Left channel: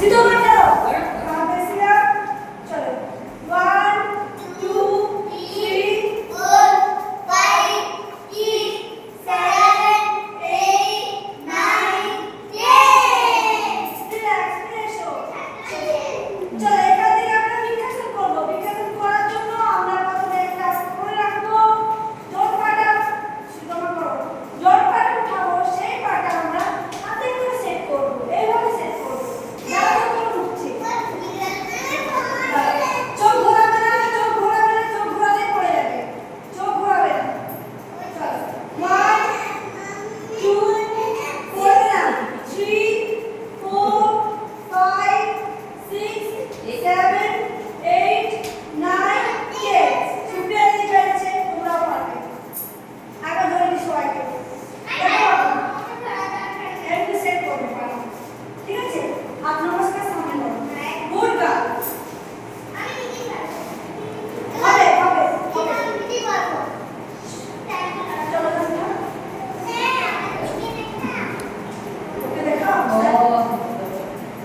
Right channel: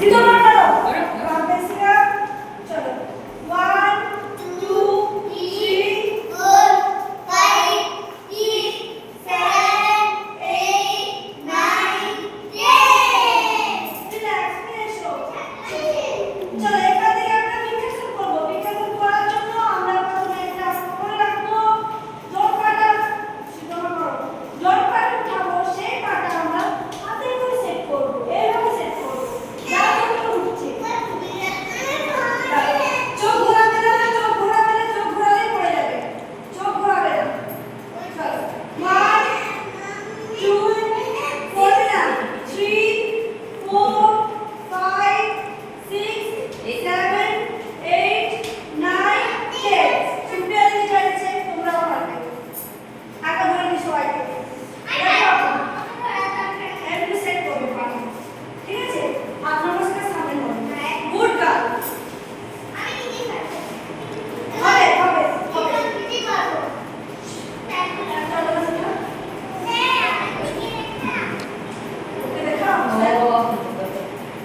सीधा मत करो वहां पे सीधा चलो 1 2 3 4 5 6 7 8 9 10 रिलैक्स এসো চলো এখান থেকে আমরা বিকাশন করব বিকাশন করার জন্য আমরা প্রথমে একটা করে রাখবো জোর পাটা সিধা মত করো জোর পাটা উঠাবো সেই পাটা আমরা হাতে করে সেট করব এইভাবে সেট করব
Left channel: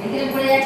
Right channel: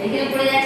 এখানে পড়ে যাচ্ছে